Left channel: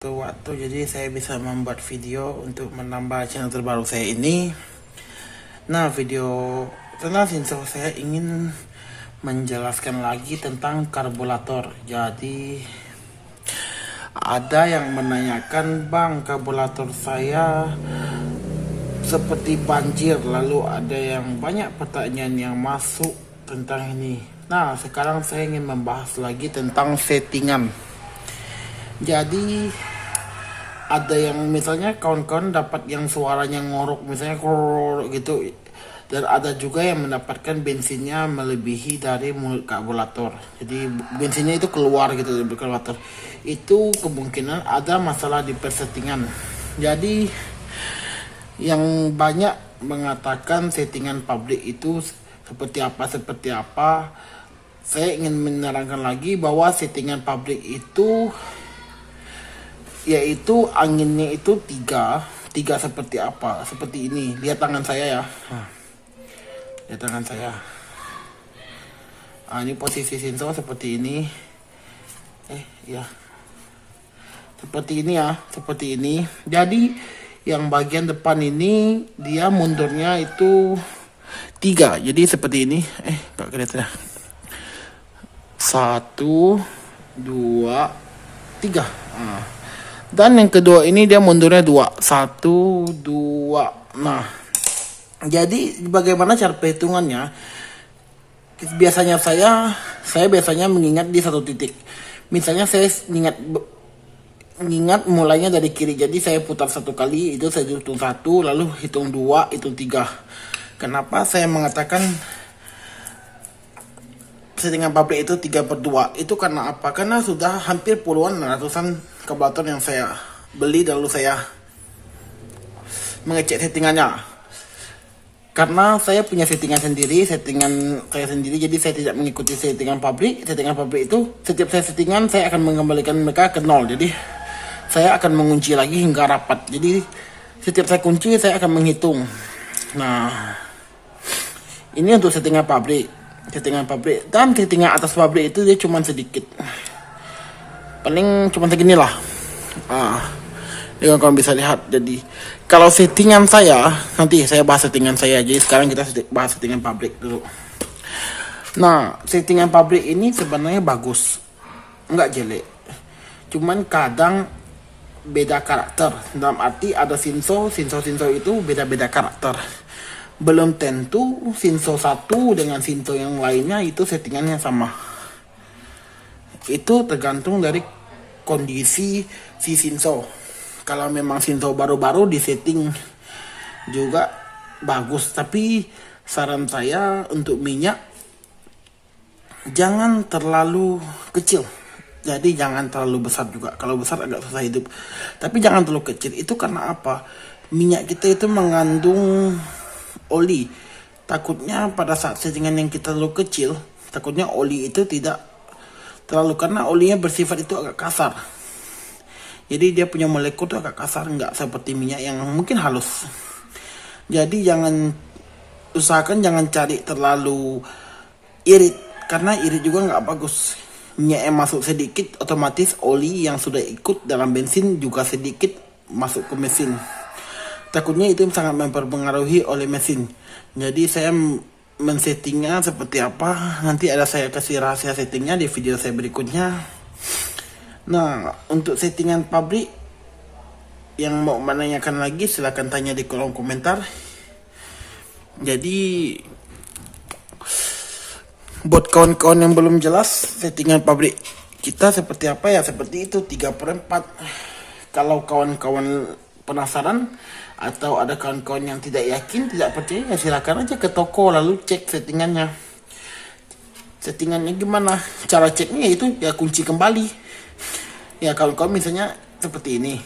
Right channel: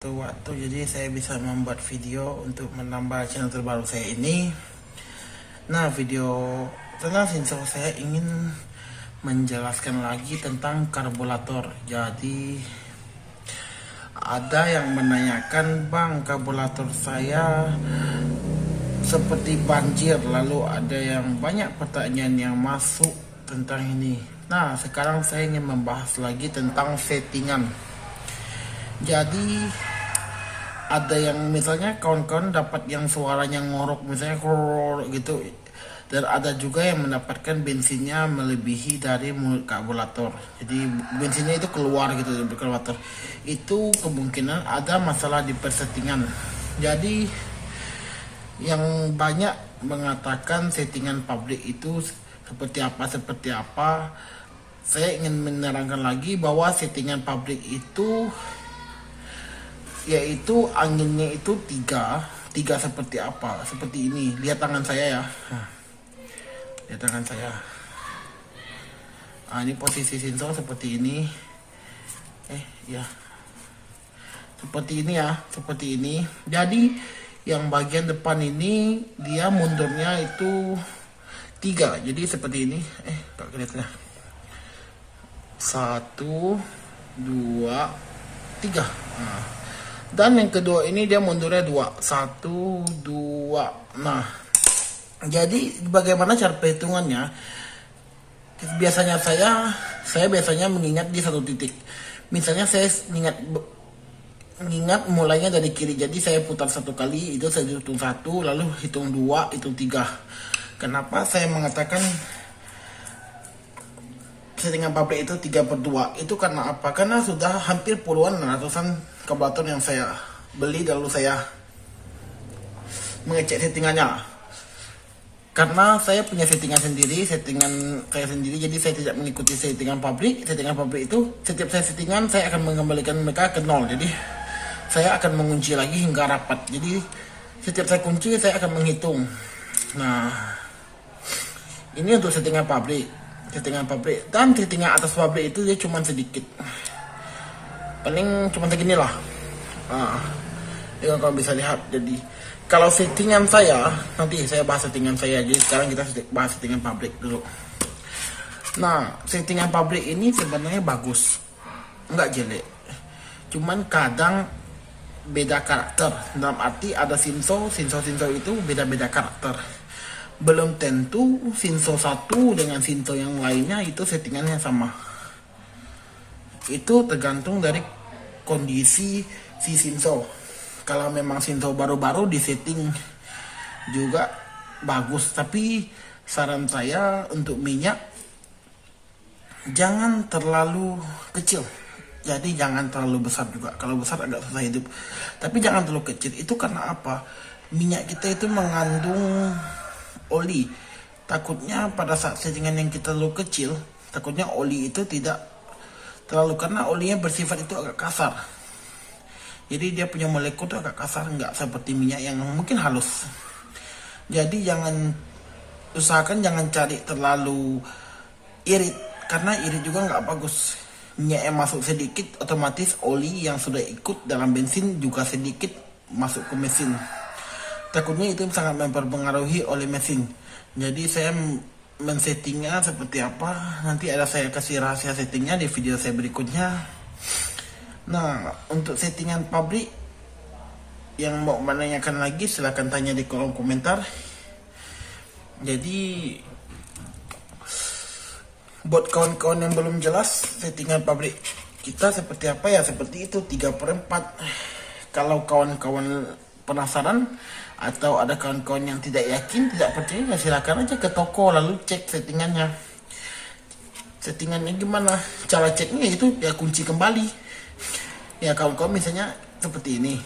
Waktu jadi saya bisa membuat video untuk menambah channel terbaru saya ini. Nah, video tentang Shinso saya ingin menjelaskan lagi tentang karburator. Jadi ada yang menanyakan, bang, karburator saya seperti banjir, lalu ada yang banyak pertanyaan yang masuk tentang ini. Nah, sekarang saya ingin membahas lagi tentang settingan. Jadi ada yang misalnya kawan-kawan dapat yang suaranya ngorok, misalnya kror gitu, dan ada juga yang mendapatkan bensinnya melebihi dari mulut karburator. Jadi bensinnya itu keluar gitu dari karburator. Itu kemungkinan ada masalah di persettingan. Jadi yang banyak mengatakan settingan pabrik itu seperti apa. Saya ingin menerangkan lagi bahwa settingan pabrik itu yaitu anginnya itu tiga seperti apa, seperti ini. Lihat tangan saya ya, lihat tangan saya. Ini posisi Shinso seperti ini, ya seperti ini ya, seperti ini. Jadi yang bagian depan ini dia mundurnya itu 3, jadi seperti ini. Gak kelihatan ya. 1, 2, 3. Dan yang kedua ini dia mundurnya 2, 1, 2. Nah, jadi bagaimana cara perhitungannya? Biasanya saya biasanya mengingat di satu titik. Misalnya saya mengingat mulainya dari kiri. Jadi saya putar 1 kali, itu saya hitung 1, lalu hitung 2, hitung 3. Kenapa saya mengatakan settingan pabrik itu 3/2? Itu karena apa? Karena sudah hampir puluhan ratusan karburator yang saya beli, lalu saya mengecek settingannya. Karena saya punya settingan saya sendiri, jadi saya tidak mengikuti settingan pabrik. Settingan pabrik itu setiap saya settingan saya akan mengembalikan mereka ke 0. Jadi saya akan mengunci lagi hingga rapat. Jadi setiap saya kunci saya akan menghitung. Nah, ini untuk settingan pabrik. Dan settingan atas pabrik itu dia cuma sedikit, paling cuma segini lah. Kalian bisa lihat. Jadi kalau settingan saya, nanti saya bahas settingan saya. Jadi sekarang kita bahas settingan pabrik dulu. Nah, settingan pabrik ini sebenarnya bagus, nggak jelek, cuman kadang beda karakter. Dalam arti ada Shinso itu beda-beda karakter. Belum tentu Shinso 1 dengan Shinso yang lainnya itu settingannya sama. Itu tergantung dari kondisi si Shinso. Kalau memang Shinso baru-baru di setting juga bagus. Tapi saran saya untuk minyak jangan terlalu kecil. Jadi jangan terlalu besar juga. Kalau besar agak susah hidup. Tapi jangan terlalu kecil. Itu karena apa? Minyak kita itu mengandung oli. Takutnya pada saat settingan yang kita terlalu kecil, takutnya oli itu tidak terlalu, karena olinya bersifat itu agak kasar. Jadi dia punya molekul itu agak kasar, nggak seperti minyak yang mungkin halus. Jadi usahakan jangan cari terlalu irit, karena irit juga nggak bagus. Minyak yang masuk sedikit, otomatis oli yang sudah ikut dalam bensin juga sedikit masuk ke mesin. Takutnya itu sangat mempengaruhi oleh mesin. Jadi saya men-settingnya seperti apa, nanti saya kasih rahasia settingnya di video saya berikutnya. Nah, untuk settingan pabrik yang mau menanyakan lagi silahkan tanya di kolom komentar. Jadi buat kawan-kawan yang belum jelas settingan pabrik kita seperti apa ya, seperti itu 3/4. Kalau kawan-kawan penasaran atau ada kawan-kawan yang tidak yakin, tidak percaya, ya silakan aja ke toko lalu cek settingannya. Settingannya gimana? Cara ceknya itu ya kunci kembali. Ya kawan-kawan misalnya seperti ini.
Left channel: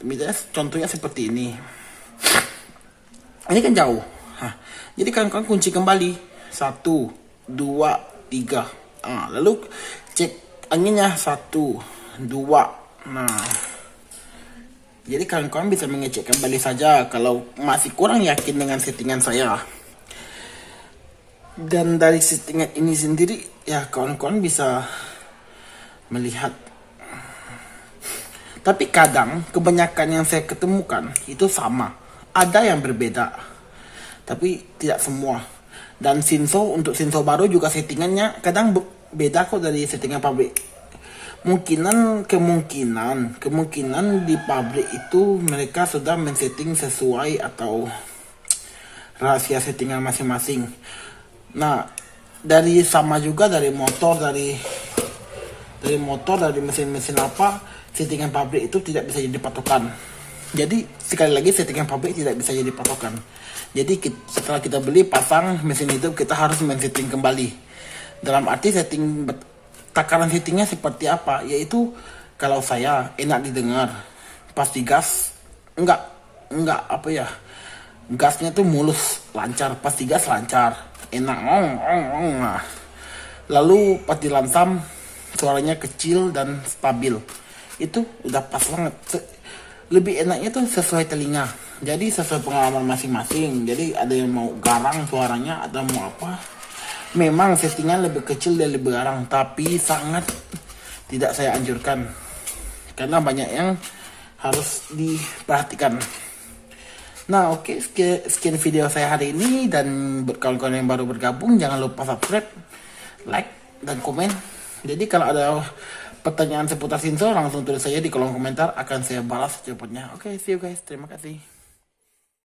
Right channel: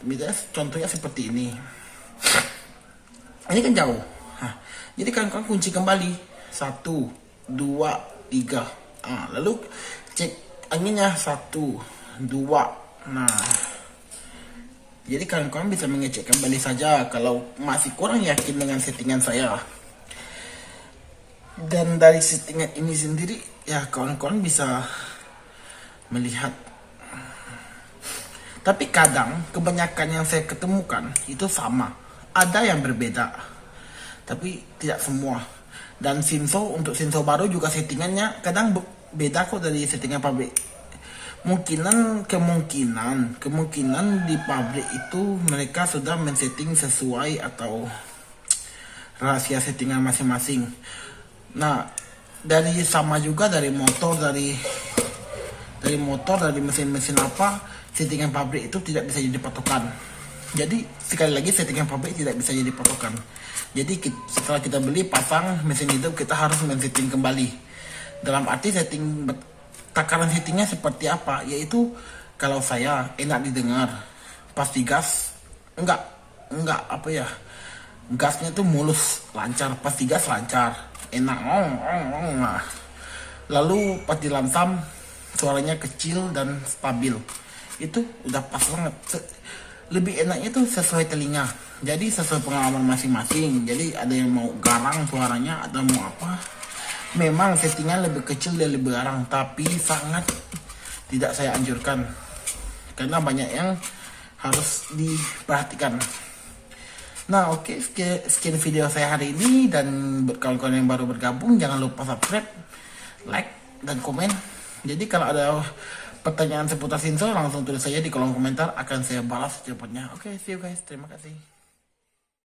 Misalnya contohnya seperti ini. Ini kan jauh. Jadi kawan-kawan kunci kembali 1, 2, 3. Lalu cek anginnya 1, 2. Nah, jadi kawan-kawan bisa mengecek kembali saja kalau masih kurang yakin dengan settingan saya. Dan dari settingan ini sendiri ya kawan-kawan bisa melihat Tapi kadang kebanyakan yang saya ketemukan itu sama, ada yang berbeda, tapi tidak semua. Dan Shinso, untuk Shinso baru juga settingannya kadang beda kok dari settingan pabrik. Kemungkinan di pabrik itu mereka sudah men-setting sesuai atau rahasia settingan masing-masing. Nah, dari sama juga dari motor, dari mesin-mesin apa, settingan pabrik itu tidak bisa jadi patokan. Jadi sekali lagi settingan pabrik tidak bisa jadi patokan. Jadi setelah kita beli pasang mesin hidup, kita harus men-setting kembali. Dalam arti takaran settingnya seperti apa, yaitu kalau saya enak didengar, pasti gas enggak apa ya, gasnya tuh mulus lancar, pasti gas lancar, enak nah. Lalu pas dilantam suaranya kecil dan stabil, itu udah pas banget. Lebih enaknya tuh sesuai telinga, jadi sesuai pengalaman masing-masing. Jadi ada yang mau garang suaranya atau mau apa. Memang settingan lebih kecil dan lebih garang, tapi sangat tidak saya anjurkan karena banyak yang harus diperhatikan. Nah oke, sekian video saya hari ini, dan buat kawan-kawan yang baru bergabung jangan lupa subscribe, like, dan komen. Jadi kalau ada pertanyaan seputar Shinso langsung tulis saja di kolom komentar, akan saya balas secepatnya. Oke, see you guys, terima kasih.